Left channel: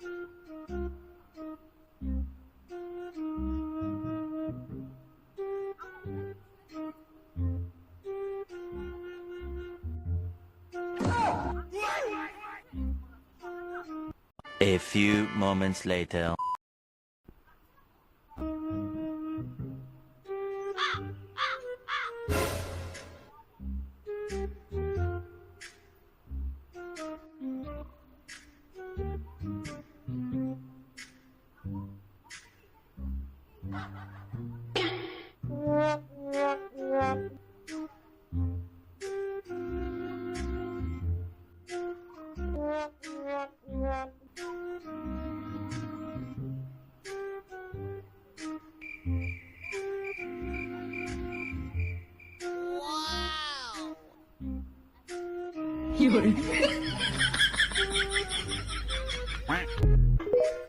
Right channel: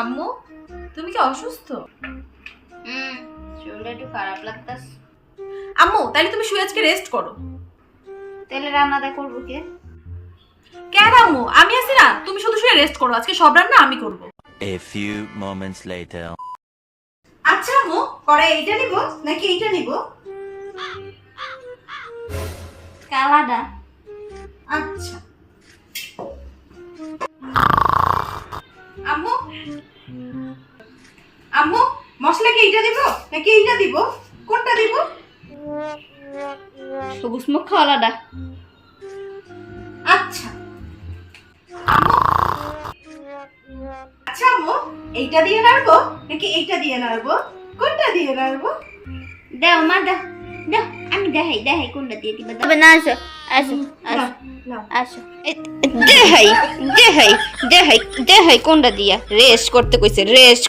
আম্মু তুমি কি অসুস্থ? হুম শরীরটা একটু খারাপ লাগতাস আম্মু তাহলে তুমি শুয়ে আজকে রেস্ট করো। তাহলে রান্নাটা করব কে? কেন আম্মু? আমি আছি না। তুমি শুধু শুয়ে রেস্ট করো। আজকে সব রান্না আমি করব। A few moments later. আচ্ছা আম্মু করে এইটা নিব? নাকি এইটা নিব? কালাডা। আচ্ছা। আম্মু মশলা কি এইটা দিব? নাকি এইটা দিব? কোনটা দিব? সবুজ মুখ খাওয়ালাডা আচ্ছা। আম্মু আচ্ছা আম্মু এইটা দিয়ে নাড়বো? নাকি এইটা দিয়ে নাড়বো? কোনটা দিয়ে নাড়বো? দাও মা দাও দাও আমি দেখাই দেখাই কোনটা দিয়ে দিবা তবে না আসো আসো আসো আসো। দেখাই দেখাই দেখাই দেখাই কোনটা দিয়া? রেস্ট করতে কইছে রেস্ট